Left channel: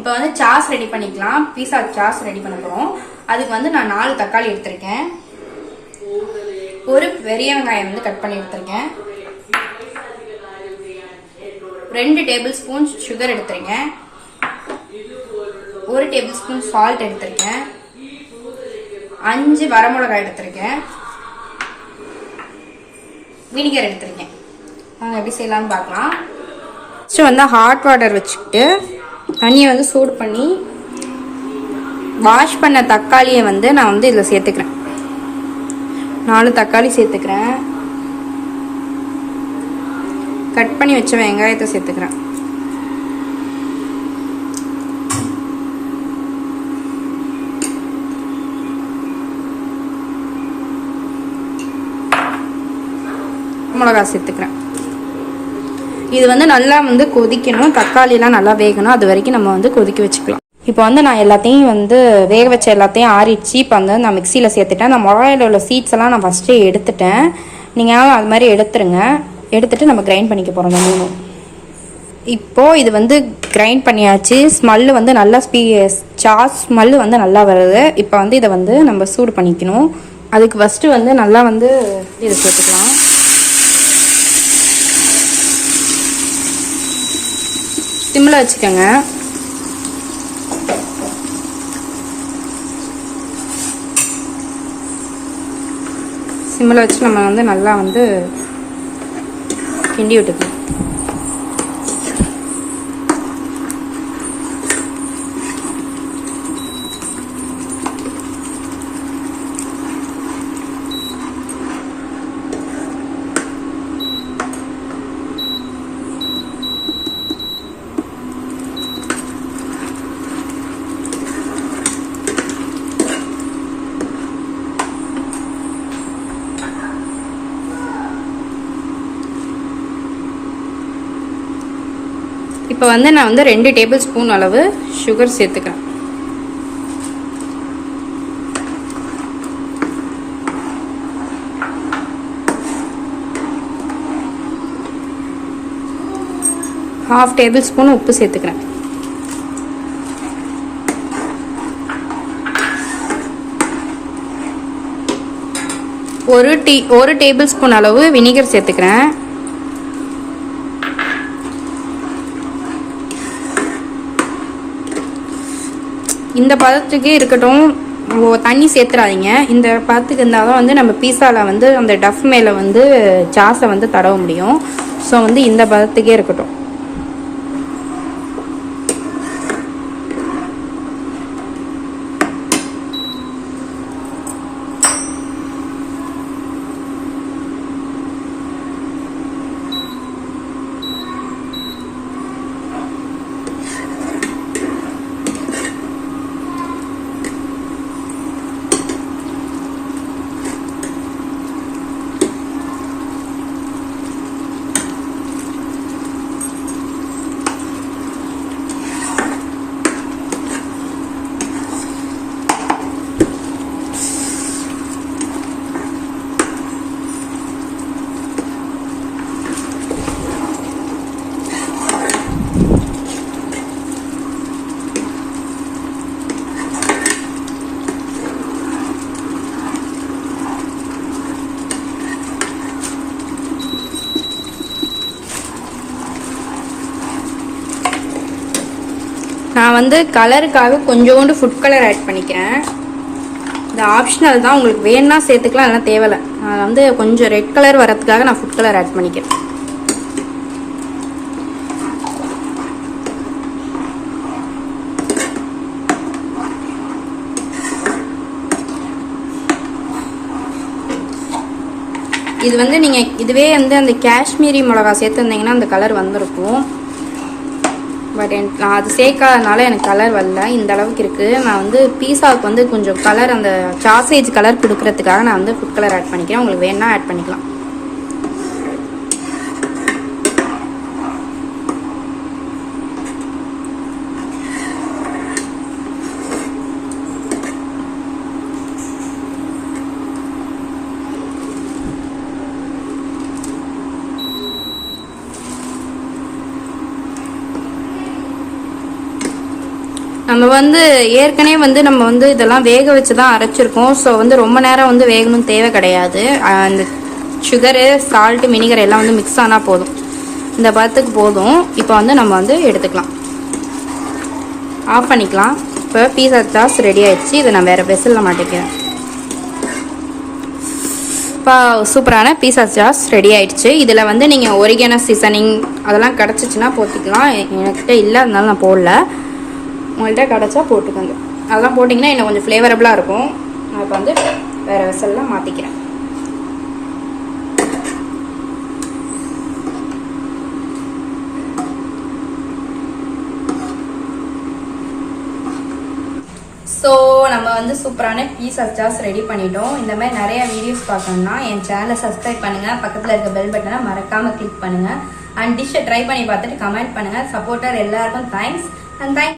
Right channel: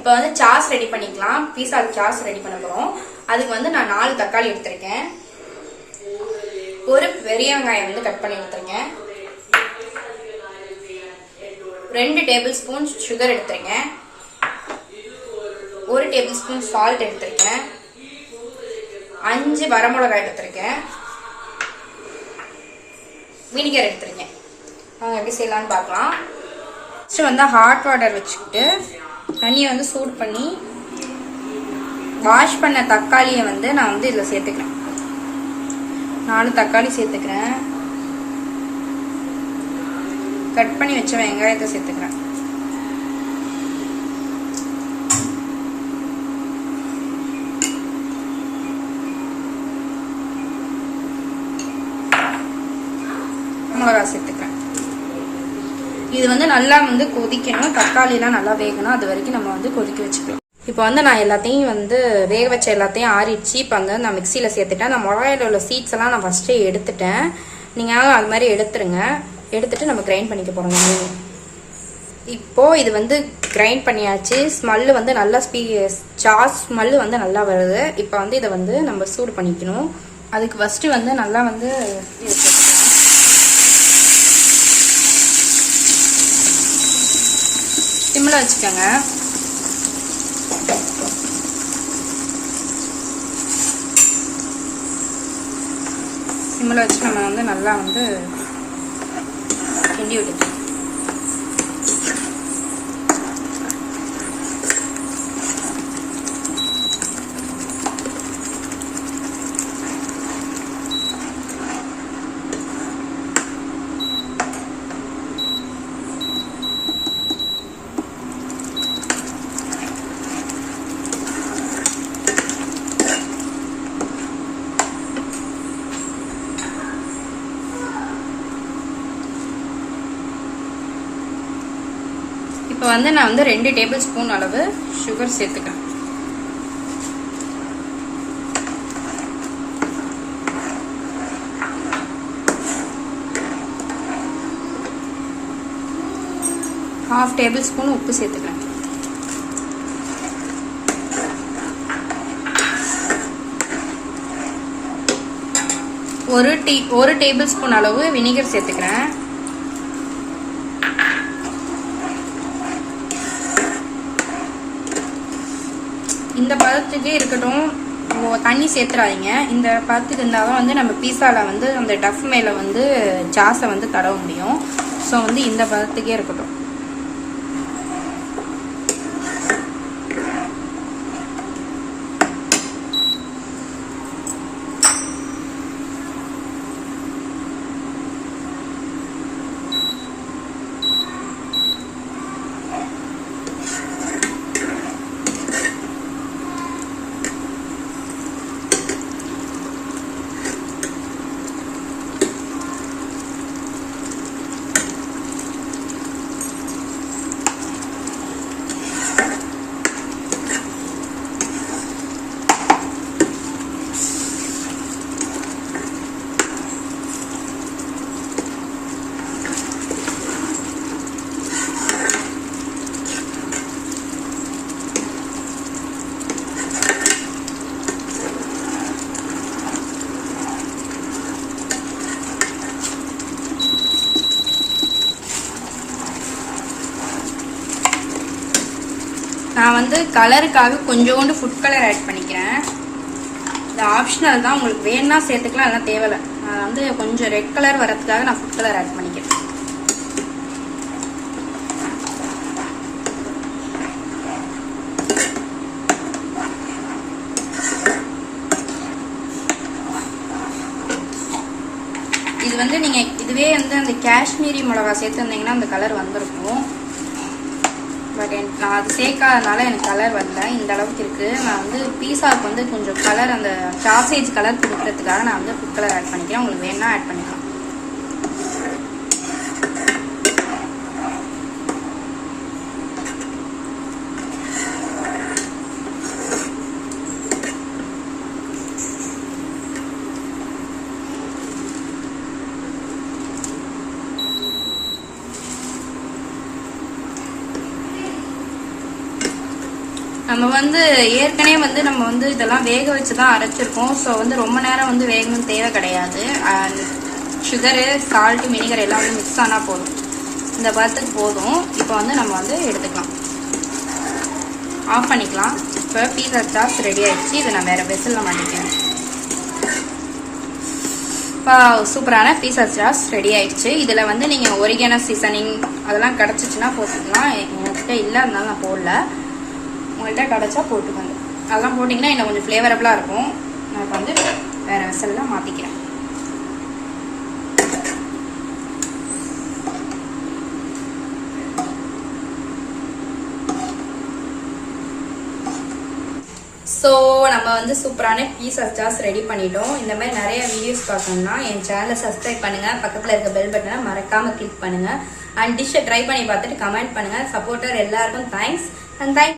இப்போ வந்து sauce ready பண்ணிக்கலாம். பீஸா சாஸ் ரெடி பண்ண போறோம். அதுக்கு வந்து நான் 4 தக்காளி எடுத்திருக்கேன். ஒரு பெரிய வெங்காயம் வந்து கட் பண்ணி எடுத்திருக்கேன். 2 டேபிள் ஸ்பூன் சுகர் எடுத்திருக்கேன். 1 டேபிள் ஸ்பூன் சால்ட் எடுத்திருக்கேன். 5 வரமிளகாய் எடுத்திருக்கேன். வினிகர் எடுத்திருக்கேன். நாங்கள் எப்படி செய்யலாம்னு பார்க்கலாம். ஃபஸ்ட்டு வந்து ஹாட் வாட்டர் வச்சுக்கிட்டு தண்ணியை வந்து சூடு பண்ணி வாஷ் பண்ண தக்காளியை வந்து நான் வந்து இதில் சேர்த்துக்கிறேன். 4 தக்காளி சேர்த்துக்கிறேன். கட் பண்ணி வச்ச வெங்காயத்தை சேர்த்துக்கிறேன். மிளகாய் சேர்த்துக்கிறேன். இது வந்து நல்லா வந்து கொதிக்கணும். தக்காளிலாம் நல்லா வேகணும். அது வரைக்கும் நம்ம வந்து கொதிக்க வச்சுக்கலாம். இப்போ வந்து நான் எல்லாத்தையும் வந்து வேக வச்ச எல்லாத்தையும் ஆறிடுச்சு. இப்போ வந்து நான் மிக்சியில் சேர்த்துட்டேன். அந்த மிளகாயில் உள்ள சீட்ஸ் எல்லாம் நான் ஃபஸ்ட்டே எடுத்துட்டேன். நீங்கள் அது மாதிரி எடுத்துருங்க. எடுத்துட்டு நம்ம கிரைண்ட் பண்ணிக்க போகிறோம். இந்த 3 இப்போது இது வந்து கிரைண்ட் பண்ணியாச்சு. ஸ்மெல்லு வந்து நல்லா சாஸ் ஸ்மெல்லு வந்து நல்லா வருது. இப்போ வந்து இதை வந்து நம்ம சூடு பண்ணிக்கணும். அதுக்கு ஃபஸ்ட்டு வந்து நல்லா வந்து இதை சேர்த்துக்கலாம். சிம்மில் வச்சுக்கோங்க. சிம்மில் வச்சு நம்ம வந்து நல்லா வந்து கிண்டி விட்டுக்கலாம். இப்போ வந்து நான் வந்து 2 டேபிள் ஸ்பூன் அளவு சுகர் சேர்த்துக்கிறேன். ½ டேபிள் ஸ்பூன் உப்பு சேர்த்துக்கிறேன். ஒரு டேபிள் ஸ்பூன் அளவு வினிகர் சேர்த்துக்கிறேன். இந்த பதத்துக்கே இருக்கட்டும். தண்ணி சேர்த்துறாதீங்க. இந்த பதத்துக்கு இருந்தால் தான் வந்து நம்ம பீஸாவில் வந்து அந்த டஃப் மேலே வந்து சாஸை வந்து தடவ முடியும். ஸோ வந்து இந்த பதத்துக்கே இருக்கட்டும். நான் வந்து கலருக்காக கொஞ்சோண்டு ஃபுட் கலர் ஆட் பண்ணிக்கிறேன். இது ஆப்ஷனல் தான். உங்களுக்கு வேணும்னா சேர்த்துக்கலாம், இல்லைனா தேவையில்லை. நான் வந்து கொஞ்சம் ரெட் கலர் வரதுக்காக நான் ஃபுட் கலர் ஆட் பண்ணிக்கிறேன். இது வந்து நீங்கள் இதுவே வந்து அந்த காஷ்மீரி மிளகா சேர்த்துருந்தீங்கன்னா அந்த கலர் வந்திருக்கும். பட் நான் அது சேர்க்காதனால எனக்கு கலர் வரல. இந்த அளவுக்கு இருக்குது. நான் வந்து பீஸாவுக்கு வந்து கொஞ்சம் கலர் அந்த சாசேஜ் கலர் கொடுக்கறதுக்காக நான் வந்து ஃபுட் கலர் ஆட் பண்ணிக்கிறேன். உங்களுக்கு வேணா ஆட் பண்ணிக்கலாம். நம்ம வந்து ஏற்கனவே வந்து நம்ம வந்து இதெல்லாம் வேக வச்சு தான் அரைச்சிருக்கோம். ஸோ வந்து ரொம்ப நேரம் வந்து வேகணும் தேவை கிடையாது. அந்த சுகரு, சால்ட்டு, வினிகர் எல்லாம் வந்து மிக்ஸ் ஆனால் போதும். இந்த பதத்துக்கு போதும். இப்போ வந்து நம்ம வந்து எடுத்துக்கலாம், ஆஃப் பண்ணிக்கலாம். இப்போ பீஸா சாஸ் ரெடி ஆயிடுச்சு. இதை நான் வேறு வெசலில் மாட்டிக்கிறேன். இப்போ சூப்பரான பீஸா சாஸ் ரெடி ஆயிடுச்சு. இதில் வந்து நீங்கள் ஒரிகேனோ சீசனிங் அதெல்லாம் கிடச்சிச்சின்னா போட்டுக்கலாம். என்கிட்ட இல்லை, அதனால நான் போடல. உங்கள்கிட்ட கிடச்சா போட்டுக்கோங்க. அதெல்லாம் போட்டிங்கன்னா இன்னும் கொஞ்சம் ஃப்ளேவரபுளாக இருக்கும். நான் இப்போ வந்து வேறு வெசலில் மாற்றிக்கிறேன். ஸோ நம்ம வந்து சூப்பரான பீஸா சாஸ் ரெடி பண்ணிட்டோம். இந்த மாதிரி நிறைய வீடியோஸ் பார்க்கணும்னா என் சேனலை சப்ஸ்கிரைப் பண்ணுங்க. பக்கத்தில் இருக்க பெல் பட்டனை மறக்காம கிளிக் பண்ணுங்க. அண்ட் டிஷ்ஷை ட்ரை பண்ணி பார்த்துட்டு கமெண்ட் பண்ணுங்க. சப்போர்ட்டர் எல்லாருக்கும் தேங்க்ஸ்.